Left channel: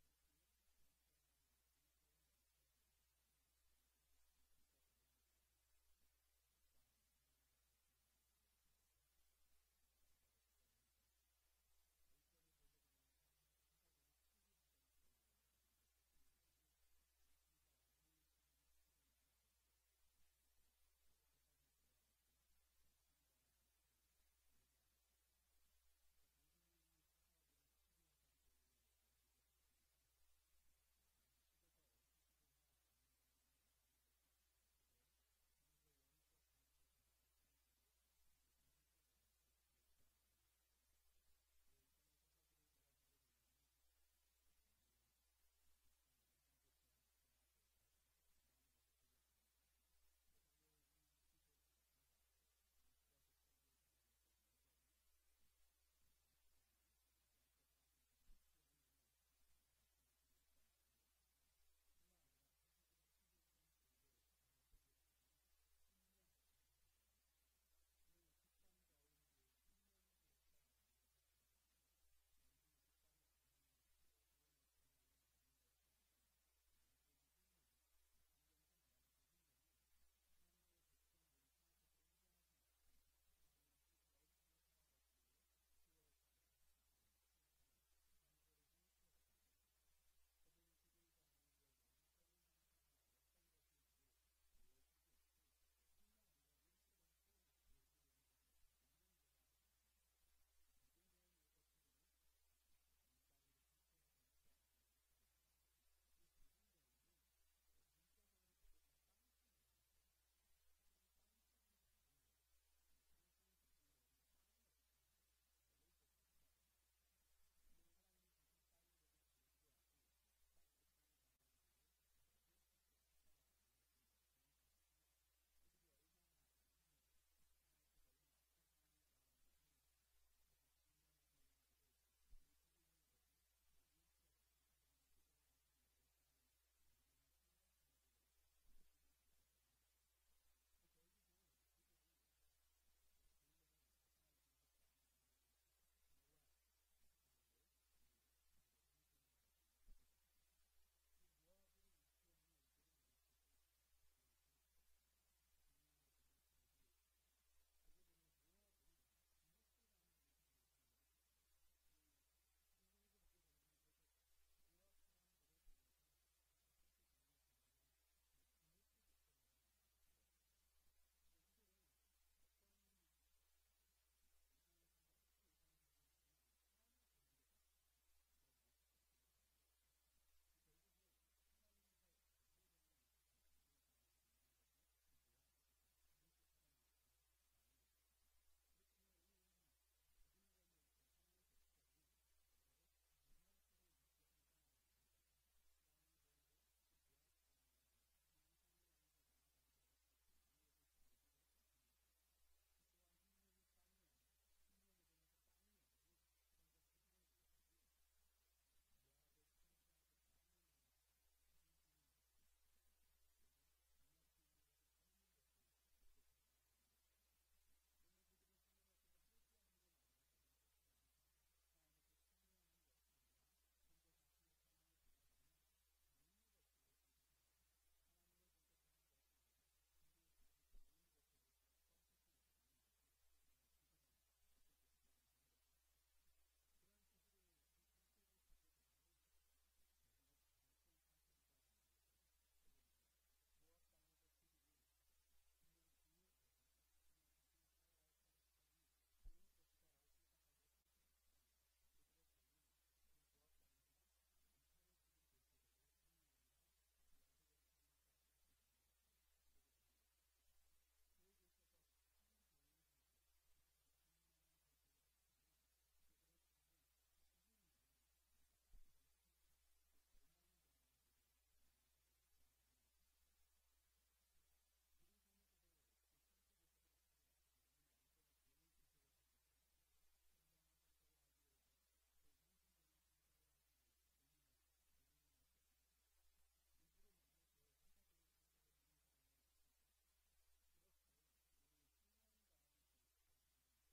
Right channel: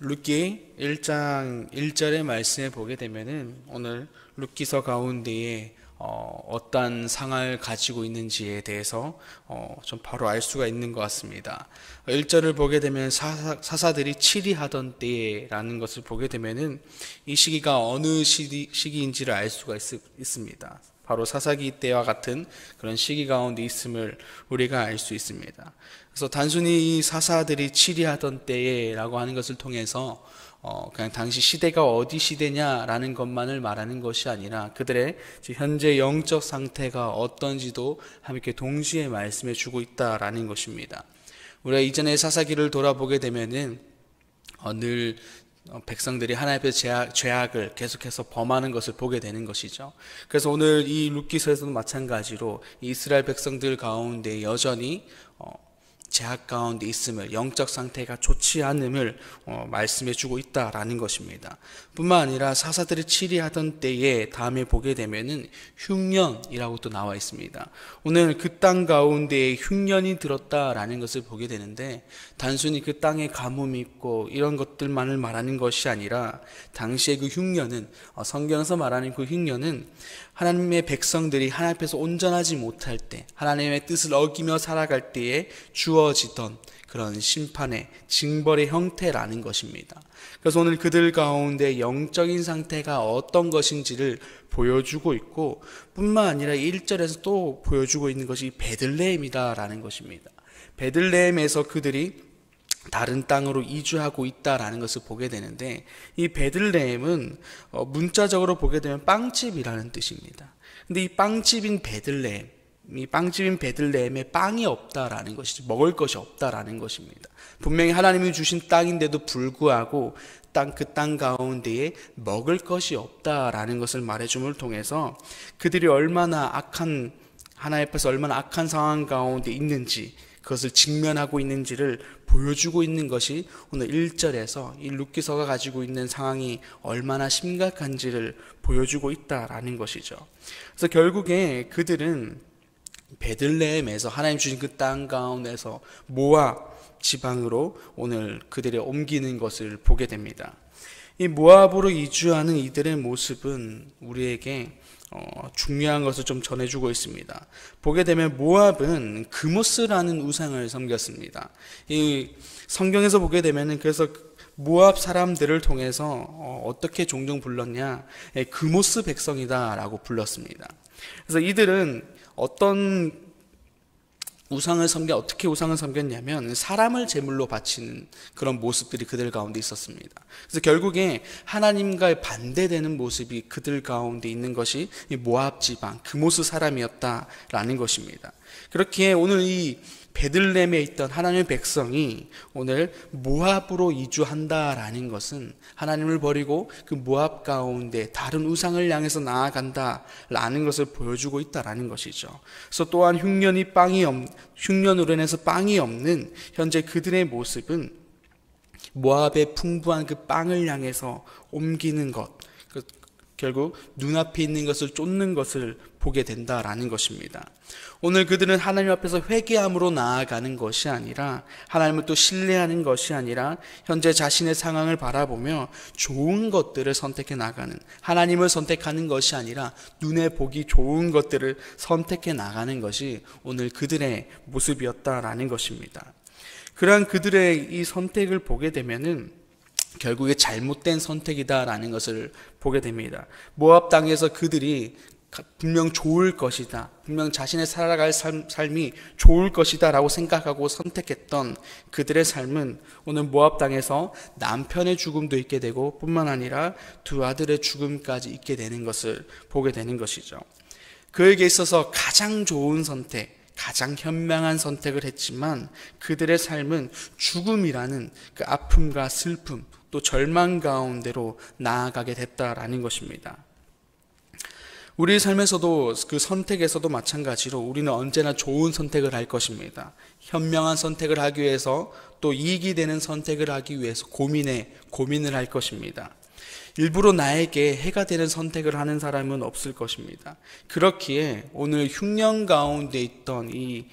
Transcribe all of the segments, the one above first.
룻기 1장 1절의 말씀에 보게 되면은 오늘 룻기서 가운데에 어떤 상을 가지고 있는지에 대해서 좀 바로 알 수가 있는 것 같습니다. 1절을 보게 되면 사사들이 치리하던 때라는 것을 보게 되면은 이 시기가 어느 시기인지를 알 수가 있습니다. 바로 사사기 때와 같은 그런 시기 가운데 있음을 우리가 알 수 있습니다. 그래서 단순히 이 사사들이 치리하던 때라고 하는 것을 통해서 그냥 당시 시대가 어디 시대냐라는 것만을 말하는 것이 아니라 그들의 현재 영적 상태가 어떤지도 함께 동시에 말씀해 주고 있다라는 것입니다. 우리가 이전에 사사기를 돌아보게 되면은 늘 백성들이 하나님 앞에서 죄악을 계속해서 범하는 것을 보게 되는 것이죠. 그래서 오늘 이 룻기서에서도 마찬가지로 이스라엘 백성들 가운데 여전히 죄악 가운데 있음을, 영적 상태가 좋지 않음을 말씀해 주고 있다라는 것입니다. 뿐만 아니라 사사들이 치리하던 때에 다음에 보게 되면은 흉년이라고 또 나와 있습니다. 오늘 그 땅 가운데에 흉년이 들었다라는 것을 보게 되는데 단순히 그 땅에 가뭄이 있고 이런 것들만을 말하는 것이 아니라 당시의 그 흉년은 성경에서 말하는 그 흉년은 하나님의 백성들이 하나님 앞에서 온전하지 못할 때, 하나님의 뜻을 어기며 살아갈 때에 주어지던 그런 심판의 징벌의 형태라는 것입니다. 그래서 오늘 그들 가운데 영적인 상태가 어떤 것인지를 보여주고 있고 뿐만 아니라 1절에서 또 보여주고 있는 것이 베들레헴이다라는 것입니다. 베들레헴에서 그들이 다른 땅으로 이주하고 있다라는 것을 보게 되는데 이 베들레헴은 문자적으로 보게 되면 빵집이라는 뜻입니다. 근데 이 빵집인 베들레헴에 빵이 없다라는 것이지, 먹을 것이 없다라는 것입니다. 분명히 하나님이 주신 땅인데도 불구하고 그 땅 가운데에 먹을 것이 없다라는 것을 말해줌을 통해서 그들이 하나님 앞에서 얼마나 악한 상황 가운데 있는지, 그것을 직면하고 있는지를 보여주고 있는 것이 오늘 1절에서 이 룻기서가 가지고 있는 상황이 얼마나 심각한지를 보여주고 있다라는 것이죠. 그래서 결국에 그들은 베들레헴에서 하나님 주신 그 땅 가운데서 모압 지방으로 오늘 그들이 옮기는 것을 보게 됩니다. 이 모압으로 이주하는 이들의 모습은 우리에게 중요한 것을 좀 전해주고 있습니다. 보게 되면 모압은 그모스라는 우상을 섬겼습니다. 이 성경에서 보게 되면은 그래서 모압 사람들을 통해서 어떻게 종종 불렀냐, 그모스 백성이다라고 불렀습니다. 그래서 이들은 어떻게 우상을 섬겼냐면 사람을 제물로 바치는 그런 모습들이 그들 가운데 있었습니다. 그래서 결국에 하나님과 반대되는 모습이 그들 가운데 있는 것이 이 모압 지방 그모스 사람이었다라는 것입니다. 그렇기에 오늘 이 베들레헴에 있던 하나님의 백성이 오늘 모압으로 이주한다라는 것은 하나님을 버리고 그 모압 가운데 다른 우상을 향해서 나아간다라는 것을 보여주고 있다라는 것이죠. 그래서 또한 흉년으로 인해서 빵이 없는 현재 그들의 모습은 모압의 풍부한 그 빵을 향해서 옮기는 것, 결국 눈앞에 있는 것을 쫓는 것을 보게 된다라는 것입니다. 오늘 그들은 하나님 앞에서 회개함으로 나아가는 것이 아니라, 하나님을 또 신뢰하는 것이 아니라 현재 자신의 상황을 바라보며 좋은 것들을 선택해 나가는, 하나님을 선택하는 것이 아니라 눈에 보기 좋은 것들을 선택해 나가는 것이 오늘 그들의 모습이었다라는 것입니다. 그러한 그들의 이 선택을 보게 되면은 결국에 잘못된 선택이다라는 것을 보게 됩니다. 모압 땅에서 그들이 분명 좋을 것이다, 분명 자신의 살아갈 삶이 좋을 것이다 라고 생각하고 선택했던 그들의 삶은 오늘 모압 땅에서 남편의 죽음도 있게 되고 뿐만 아니라 두 아들의 죽음까지 있게 되는 것을 보게 되는 것이죠. 그에게 있어서 가장 좋은 선택, 가장 현명한 선택을 했지만 그들의 삶은 죽음이라는 그 아픔과 슬픔 또 절망 가운데로 나아가게 됐다라는 것입니다. 우리 삶에서도 그 선택에서도 마찬가지로 우리는 언제나 좋은 선택을 할 것입니다. 현명한 선택을 하기 위해서 또 이익이 되는 선택을 하기 위해서 고민을 할 것입니다. 일부러 나에게 해가 되는 선택을 하는 사람은 없을 것입니다. 그렇기에 오늘 흉년 가운데 있던 이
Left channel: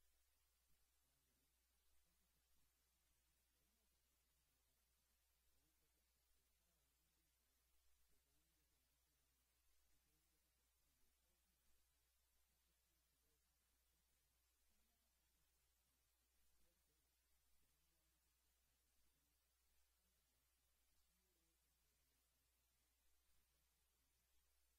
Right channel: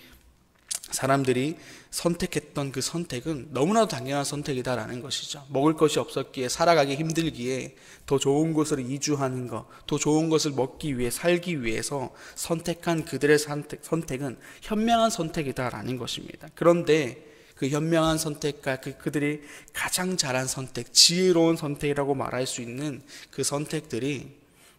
사람들이 선택했던 그 선택은 너무나도 당연한 선택이다라는 것이죠. 먹을 것이 없었기에, 살아가기 힘들기에 더 좋은 곳으로 이주하는 것, 더 좋은 것을 먹기 위해, 살기 위해서 선택한 그들의 선택은 현명한 선택이다라는 것입니다. 그런데 그 현명한 선택과 그들이 가장 잘한 선택, 지혜로운 선택이라고 말할 수 있는 그 선택들이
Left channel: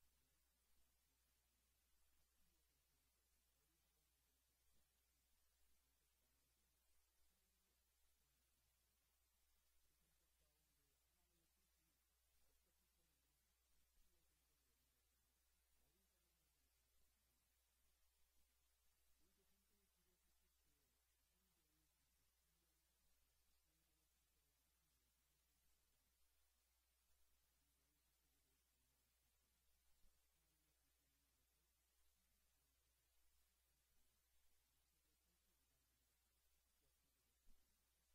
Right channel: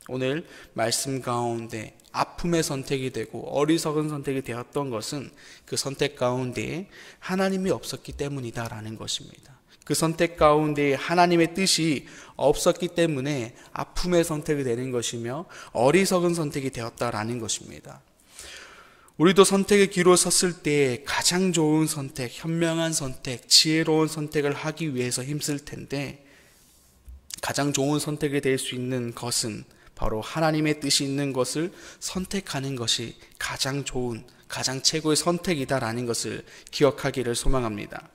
오늘 말씀 가운데 아픔의 선택이 되고 어리석은 선택이 되었던 것은 그 선택 가운데에 하나님이 없었기 때문이다라는 것입니다. 그 선택 가운데 하나님의 뜻이 없었기 때문에 아픔의 선택이 되는 것이며 어리석은 선택이 되었다라는 것입니다. 우리도 선택의 기로 섰을 때 가장 좋은 선택, 현명한 선택, 지혜로운 선택을 하기 위해서 힘쓸 텐데, 가장 좋은 선택이 될 수 있는 것은 바로 하나님의 뜻이 있는 것을 선택하는 것이 가장 좋은, 가장 최고의 선택이다라는 것을 기억하기를 소망합니다.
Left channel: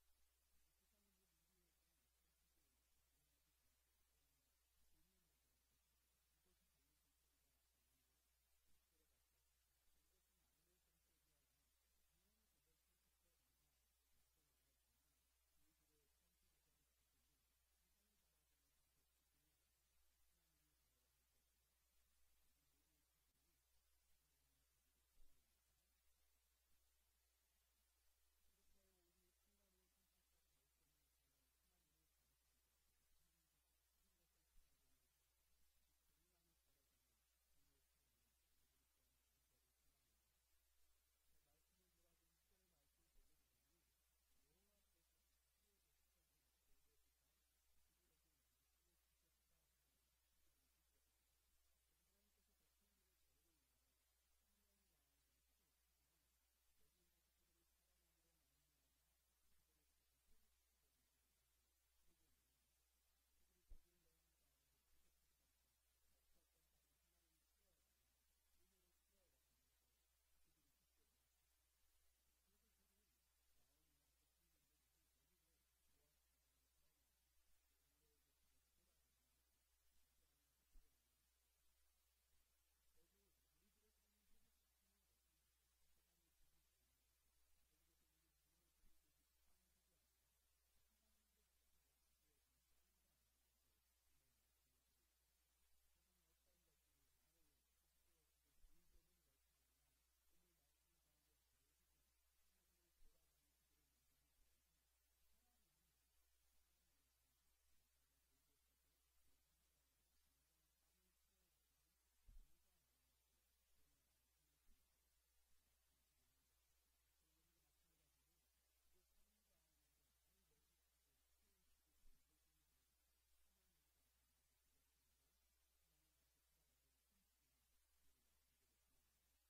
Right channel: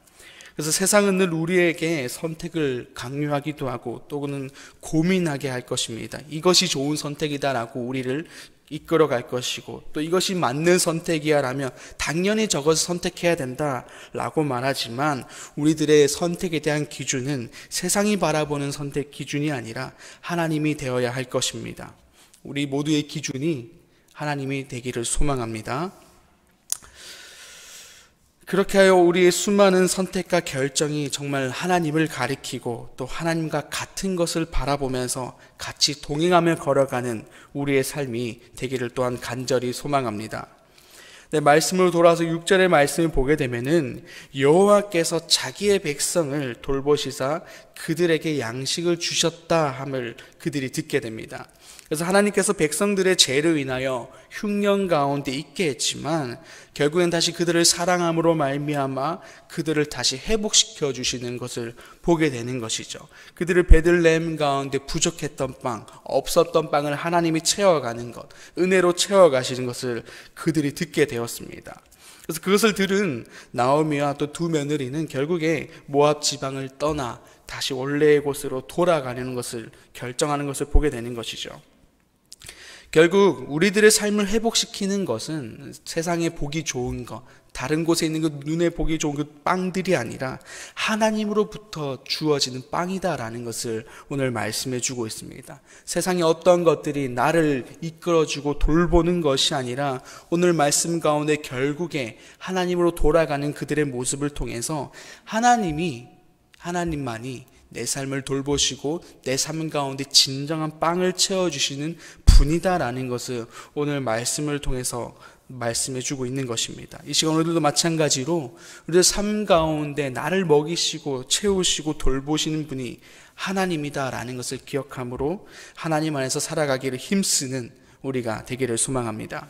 그래서 세상은 늘 우리에게 선택을 강요하기도 하고 또는 고민하게 할 것입니다. 이것이 좋은 선택이다라고 우리를 이끌어갈 것이고, 또 이것이 맞는 선택이야 라며 당연히 저것을 선택해야 된다라고 말하지만, 우리들의 선택에 대한 기준은 세상이 바라보는 선택 기준이 아니라 하나님이 되어야 할 것입니다. 우리 모두의 기준이 하나님이 되기를 소망합니다. 그렇게 하여 우리의 수많은 선택과 결정이 정말 하나님을 가리키고 또 하나님과 같은 것을 바라보면서 같이 동행하며 걸어가는 우리의 삶이 되기를 또한 간절히 소망합니다. 네, 말씀으로 돌아와서 6절의 말씀을 보게 되면은 여호와께서 자기의 백성을 돌보시사 그들에게 양식을 주셨다 함을 그들이 듣게 됩니다. 그래서 하나님께서 백성들의 죄로 인하여 흉년 가운데 있게 했지만 결국엔 다시 그들을 사랑함으로 말미암아 그들을 다시 회복시켜 주시는 것을 보게 되는 것이죠. 그들을 베들레헴 가운데 부족했던 빵, 없었던 빵을 하나님이 채워가는 것, 은혜로 채워가시는 것을 그들이 듣게 되었습니다. 그래서 그것을 들은 나오미와 또 두 며느리는 결국에 모압 지방을 떠나 다시 원래의 곳으로 돌아가려는 것을 결정하는 것을 보게 되는 것이죠. 결국 우리들의 삶을 회복시키는 것은 세상에 보기 좋은 것, 다른 곳에 있는 그 눈에 보기 좋은 그 빵들이 아니라 하나님으로부터 주어지는 빵이다라는 것을 오늘 말씀해 주고 있습니다. 세상의 어떤 것들이 나를 이끌어주고 돌보는 것이 아니라 오늘 말씀 가운데 결국에 하나님으로 돌아가는 그들의 모습을 통해서 하나님만이 내 삶을 돌보시고 내 삶 가운데 진정한 빵을 채워주시는 분이다라는 것을 오늘 말씀을 통해서 말씀해주고 있는 것입니다. 이 시간 오늘도 마찬가지로 우리의 삶 가운데 나를 먹이시고 채우시고 돌보시는 분이 하나님이다라는 것을 기억함으로 하나님 안에서 살아가기를 힘쓰는 우리가 되기를 소망합니다.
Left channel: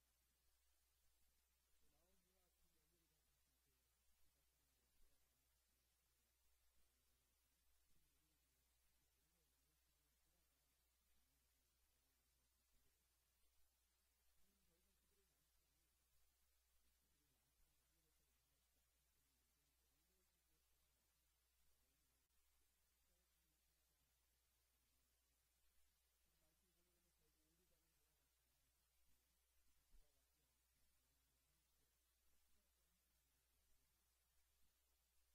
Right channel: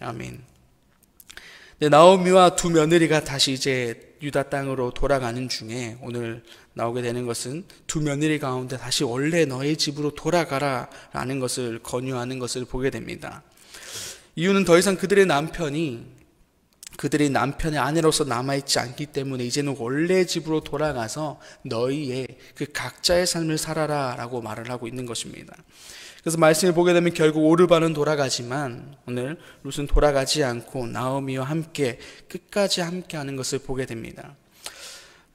아멘. 네, 나오미와 두 며느리가 다시 이제 유다 땅으로 돌아가는 중에 오늘 나오게 되는 것은 두 며느리 가운데 다시 원래 너의 집으로 돌아가라 라는 것을 권유하는 것을 보게 됩니다. 이유는 더 이상 그들의 남편의 아내로서 남아있지 않기 때문에 이제는 원래 집으로 돌아가서 너희의 그 각자의 삶을 살아라 라고 말을 하고 있는 것입니다. 그래서 말씀을 보게 되면 결국 오르바는 돌아가지만 오늘 룻은 돌아가지 않고 나오미와 함께 끝까지 함께 하는 것을 보게 됩니다.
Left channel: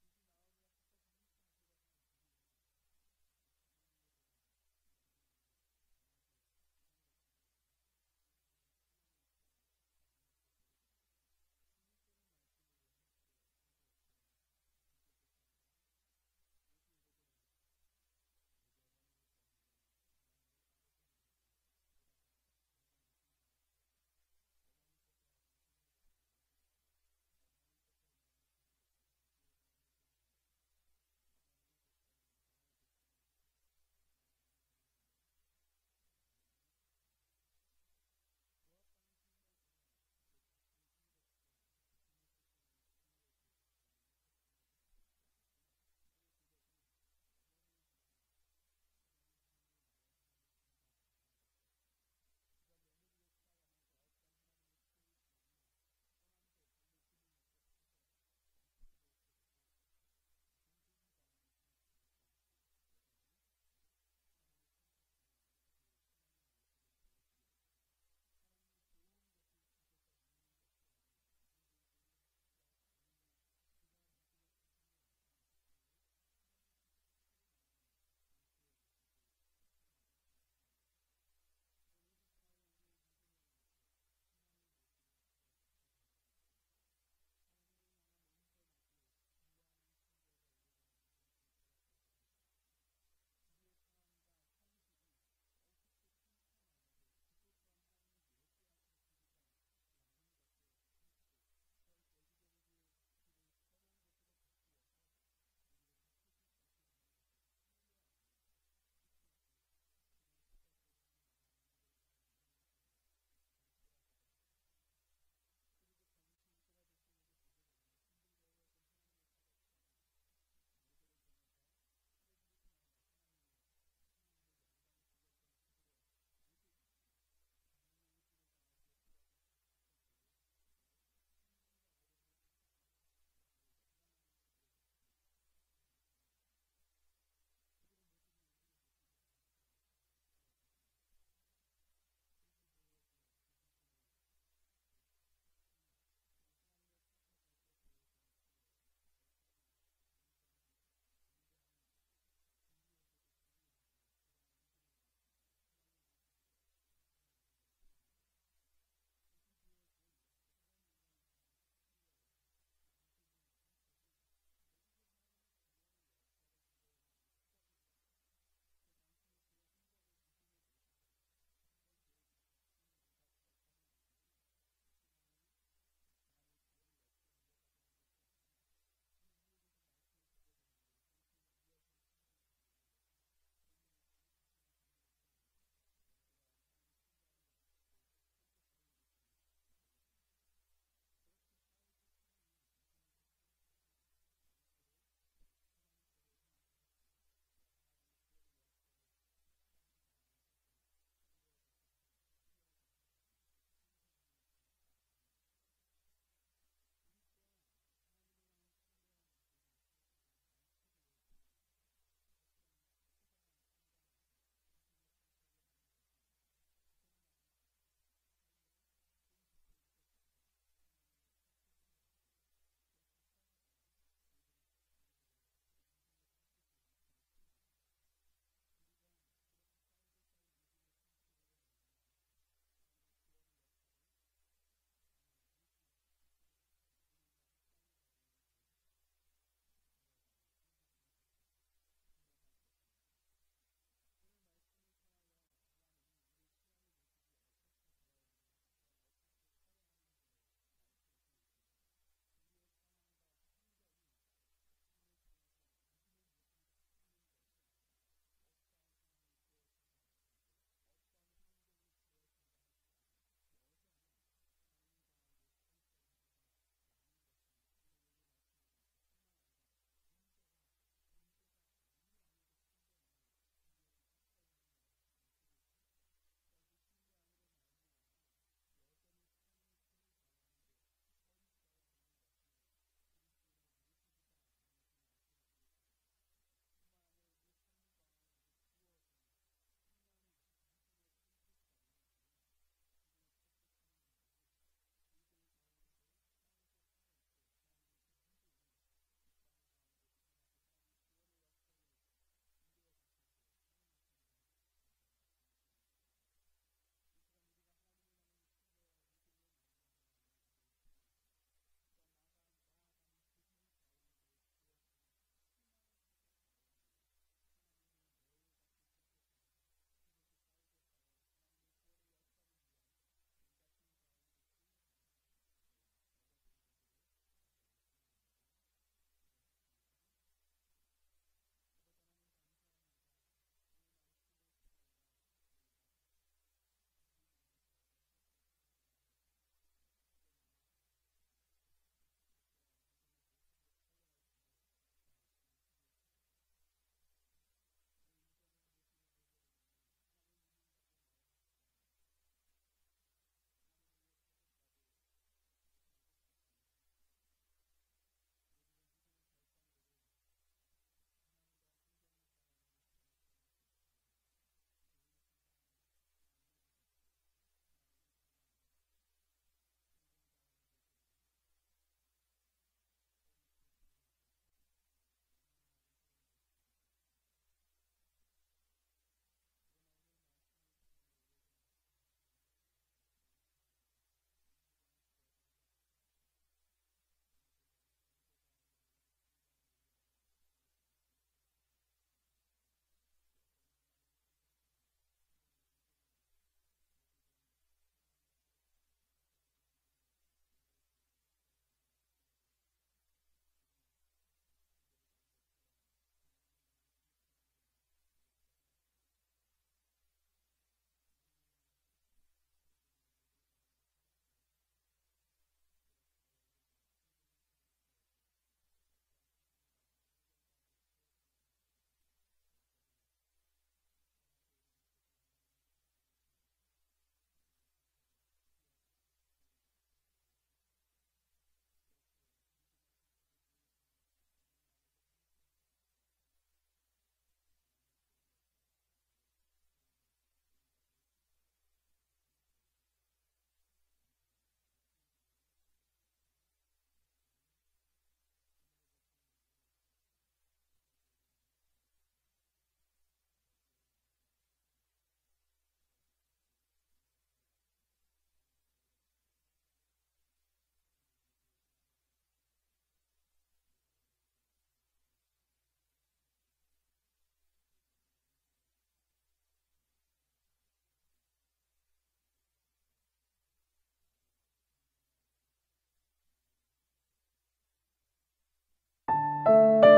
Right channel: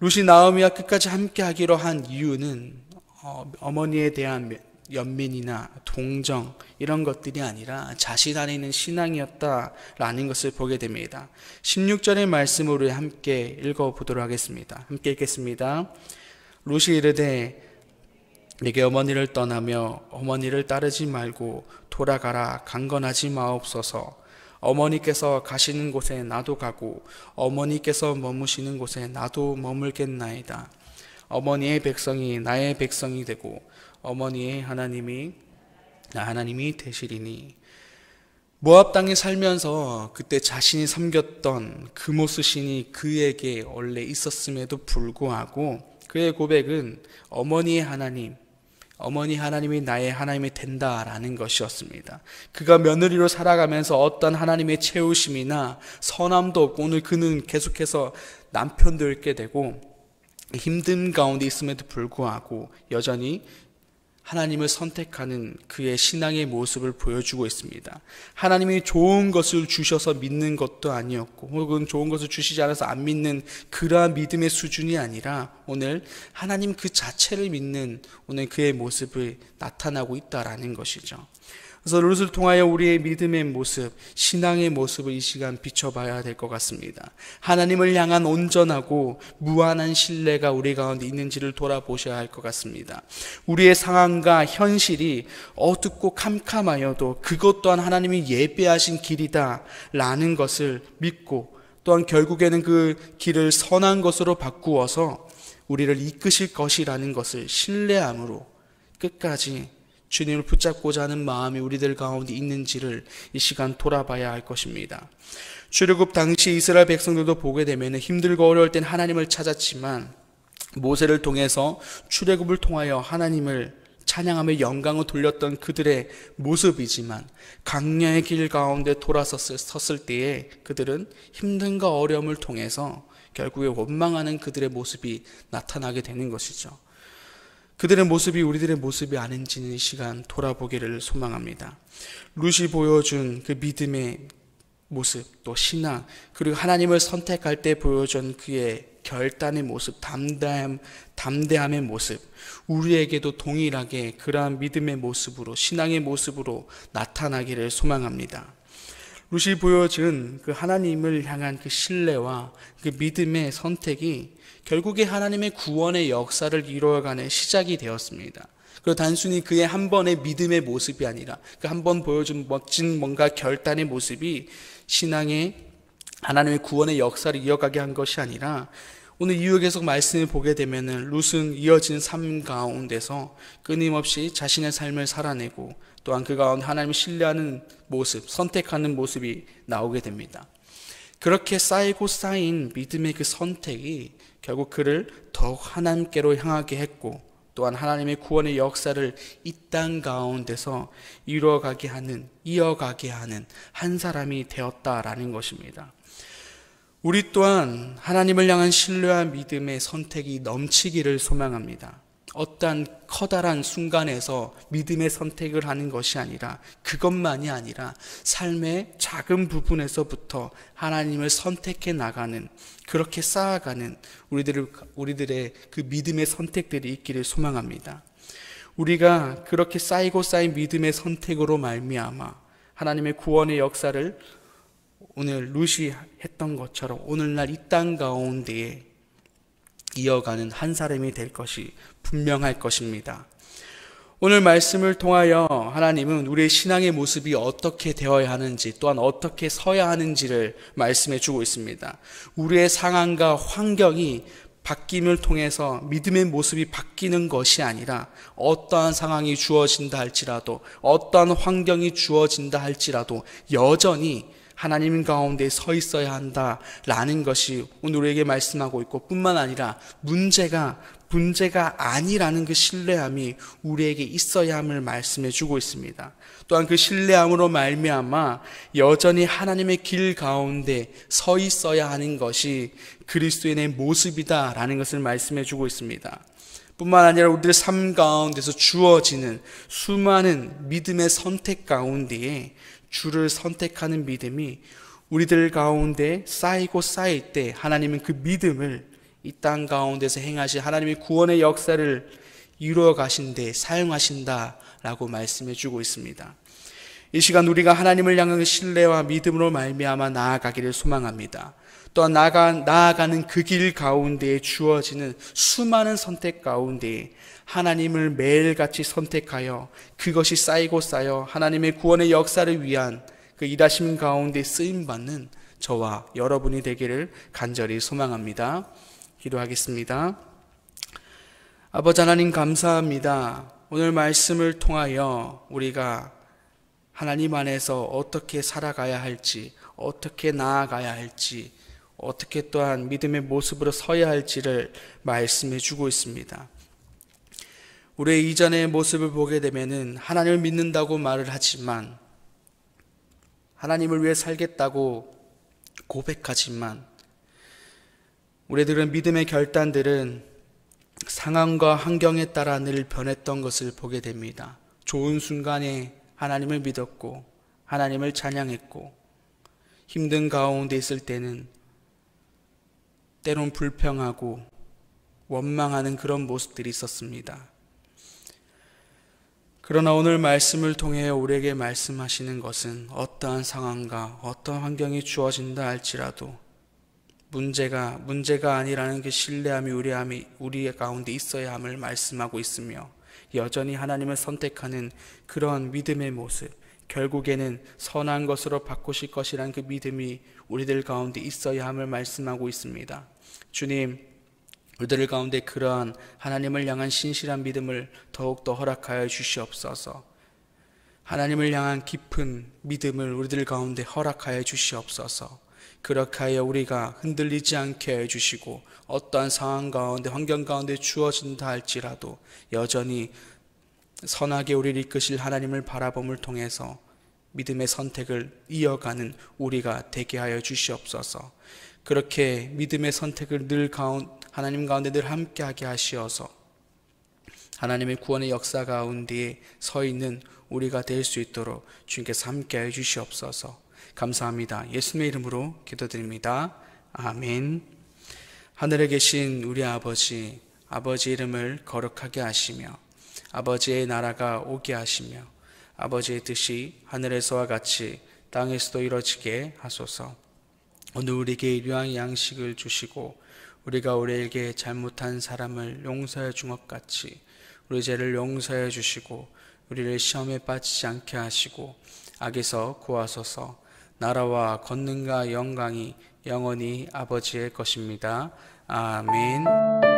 룻이 나오미와 끝까지 함께 하기로 한 이유는 어머니에 대한 연민이나 동정 이런 것들이 아니라 자신 안에 있는 신앙이었다라는 것을 보게 됩니다. 16절의 말씀으로 함께 읽어보도록 하겠습니다. 함께 읽겠습니다. 룻이 이르되 내게 어머니를 떠나며 어머니를 따르지 말고 돌아가라 강건하지 마옵소서. 어머니께서 가시는 곳에 나도 가고 어머니께서 머무시는 곳에 나도 머물겠나이다. 어머니의 백성이 나의 백성이 되고 어머니의 하나님이 나 하나님이 되시리니. 모압 땅에 살면서 그때 자신이 섬겼던 그모스 신이 그에게 원래 있었음에도 불구하고 그의 고백은 어머니 하나님이 나의 하나님이 된다라는 것이었습니다. 그가 며느리로 살아가면서 어떤 하나님의 채우심이나 선함도 없고 오늘 그는 계속해서 남편도 잃게 되고 힘든 가운데 있음에도 불구하고 여전히 하나님을 선택하는 그의 신앙의 모습을 보여주고 있습니다. 하나님이 좋은 것을 주셔서 믿는 것도 아니었고, 혹은 좋은 것을 주시지 않아서 안 믿는 그러한 믿음의 수준이 아니라 오늘 하나님 그 자체를 믿는 오늘 그의 모습이 나타나고 있다라는 것이죠. 그래서 룻을 통하여 우리의 믿음의 모습, 신앙의 모습을 이 시간 비춰봐야 될 것 같습니다. 하나님을 향한 온전하고 무한한 신뢰가 우리 가운데 있는지를 돌아보셔야 할 것 같습니다. 우리의 상황과 현실이 어둡고 캄캄하여도 그것 또한 하나님이 예비하신 길이다 라는 것을 믿고, 또한 결국에는 그 길을 선한 것으로 바꾸어서 우리를 이끄실 것이라는 것을 신뢰함으로 끝까지 주님을 붙잡고자 하는 마음이 우리들 가운데 있는지를 이 시간 돌아봐야 할 것입니다. 출애굽 당시 이스라엘 백성들도 보게 되면 힘들고 어려울 땐 하나님을 찾았지만, 모세를 통해서 출애굽을 통하여 하나님을 찬양하며 영광을 돌렸던 그들의 모습이지만, 광야의 길 가운데 돌아섰을 때에 그들은 힘든과 어려움을 통해서 결국에 원망하는 그들의 모습이 나타나게 되는 것이죠. 그들의 모습이 우리들의 모습이 아닌지는 이 시간 돌아보기를 소망합니다. 룻이 보여준 그 믿음의 모습, 또 신앙, 그리고 하나님을 선택할 때 보여준 그의 결단의 모습, 담대함의 모습, 우리에게도 동일하게 그러한 믿음의 모습으로, 신앙의 모습으로 나타나기를 소망합니다. 룻이 보여준 그 하나님을 향한 그 신뢰와 그 믿음의 선택이 결국에 하나님의 구원의 역사를 이루어가는 시작이 되었습니다. 그리고 단순히 그의 한 번의 믿음의 모습이 아니라 그 한 번 보여준 멋진 뭔가 결단의 모습이 신앙의 하나님의 구원의 역사를 이어가게 한 것이 아니라, 오늘 이후 계속 말씀을 보게 되면 룻은 이어진 삶 가운데서 끊임없이 자신의 삶을 살아내고, 또한 그 가운데 하나님을 신뢰하는 모습, 선택하는 모습이 나오게 됩니다. 그렇게 쌓이고 쌓인 믿음의 그 선택이 결국 그를 더욱 하나님께로 향하게 했고, 또한 하나님의 구원의 역사를 이 땅 가운데서 이어가게 하는 한 사람이 되었다라는 것입니다. 우리 또한 하나님을 향한 신뢰와 믿음의 선택이 넘치기를 소망합니다. 어떠한 커다란 순간에서 믿음의 선택을 하는 것이 아니라, 그것만이 아니라 삶의 작은 부분에서부터 하나님을 선택해 나가는, 그렇게 쌓아가는 우리들의 그 믿음의 선택들이 있기를 소망합니다. 우리가 그렇게 쌓이고 쌓인 믿음의 선택으로 말미암아 하나님의 구원의 역사를 오늘 룻이 했던 것처럼 오늘날 이 땅 가운데에 이어가는 한 사람이 될 것이 분명할 것입니다. 오늘 말씀을 통하여 하나님은 우리의 신앙의 모습이 어떻게 되어야 하는지, 또한 어떻게 서야 하는지를 말씀해 주고 있습니다. 우리의 상황과 환경이 바뀜을 통해서 믿음의 모습이 바뀌는 것이 아니라, 어떠한 상황이 주어진다 할지라도, 어떠한 환경이 주어진다 할지라도 여전히 하나님 가운데 서 있어야 한다라는 것이 오늘 우리에게 말씀하고 있고, 뿐만 아니라 문제가 아니라는 그 신뢰함이 우리에게 있어야 함을 말씀해 주고 있습니다. 또한 그 신뢰함으로 말미암아 여전히 하나님의 길 가운데 서 있어야 하는 것이 그리스도인의 모습이다라는 것을 말씀해 주고 있습니다. 뿐만 아니라 우리들의 삶 가운데서 주어지는 수많은 믿음의 선택 가운데에 주를 선택하는 믿음이 우리들 가운데 쌓이고 쌓일 때 하나님은 그 믿음을 이 땅 가운데서 행하신 하나님의 구원의 역사를 이루어 가신데 사용하신다라고 말씀해 주고 있습니다. 이 시간 우리가 하나님을 향한 신뢰와 믿음으로 말미암아 나아가기를 소망합니다. 또한 나아가는 그 길 가운데에 주어지는 수많은 선택 가운데에 하나님을 매일같이 선택하여 그것이 쌓이고 쌓여 하나님의 구원의 역사를 위한 그 일하심 가운데 쓰임받는 저와 여러분이 되기를 간절히 소망합니다. 기도하겠습니다. 아버지 하나님 감사합니다. 오늘 말씀을 통하여 우리가 하나님 안에서 어떻게 살아가야 할지, 어떻게 나아가야 할지, 어떻게 또한 믿음의 모습으로 서야 할지를 말씀해 주고 있습니다. 우리의 이전의 모습을 보게 되면은 하나님을 믿는다고 말을 하지만, 하나님을 위해 살겠다고 고백하지만, 우리들은 믿음의 결단들은 상황과 환경에 따라 늘 변했던 것을 보게 됩니다. 좋은 순간에 하나님을 믿었고 하나님을 찬양했고, 힘든 가운데 있을 때는 때론 불평하고 원망하는 그런 모습들이 있었습니다. 그러나 오늘 말씀을 통해 우리에게 말씀하시는 것은 어떠한 상황과 어떠한 환경이 주어진다 할지라도 문제가 아니라는 그 신뢰함이 우리 가운데 있어야 함을 말씀하고 있으며, 여전히 하나님을 선택하는 그런 믿음의 모습, 결국에는 선한 것으로 바꾸실 것이라는 그 믿음이 우리들 가운데 있어야 함을 말씀하고 있습니다. 주님, 우리들 가운데 그러한 하나님을 향한 신실한 믿음을 더욱더 허락하여 주시옵소서. 하나님을 향한 깊은 믿음을 우리들 가운데 허락하여 주시옵소서. 그렇게 하여 우리가 흔들리지 않게 해주시고, 어떠한 상황 가운데 환경 가운데 주어진다 할지라도 여전히 선하게 우리를 이끄실 하나님을 바라봄을 통해서 믿음의 선택을 이어가는 우리가 되게 하여 주시옵소서. 그렇게 믿음의 선택을 하나님 가운데 늘 함께하게 하시어서 하나님의 구원의 역사 가운데 서 있는 우리가 될 수 있도록 주님께서 함께하여 주시옵소서. 감사합니다. 예수님의 이름으로 기도드립니다. 아멘. 하늘에 계신 우리 아버지 이름을 거룩하게 하시며 아버지의 나라가 오게 하시며 아버지의 뜻이 하늘에서와 같이 땅에서도 이루어지게 하소서. 오늘 우리에게 일용할 양식을 주시고 우리가 우리에게 잘못한 사람을 용서해 준 것 같이 우리 죄를 용서해 주시고 우리를 시험에 빠지지 않게 하시고 악에서 구하소서. 나라와 권능과 영광이 영원히 아버지의 것입니다. 아멘.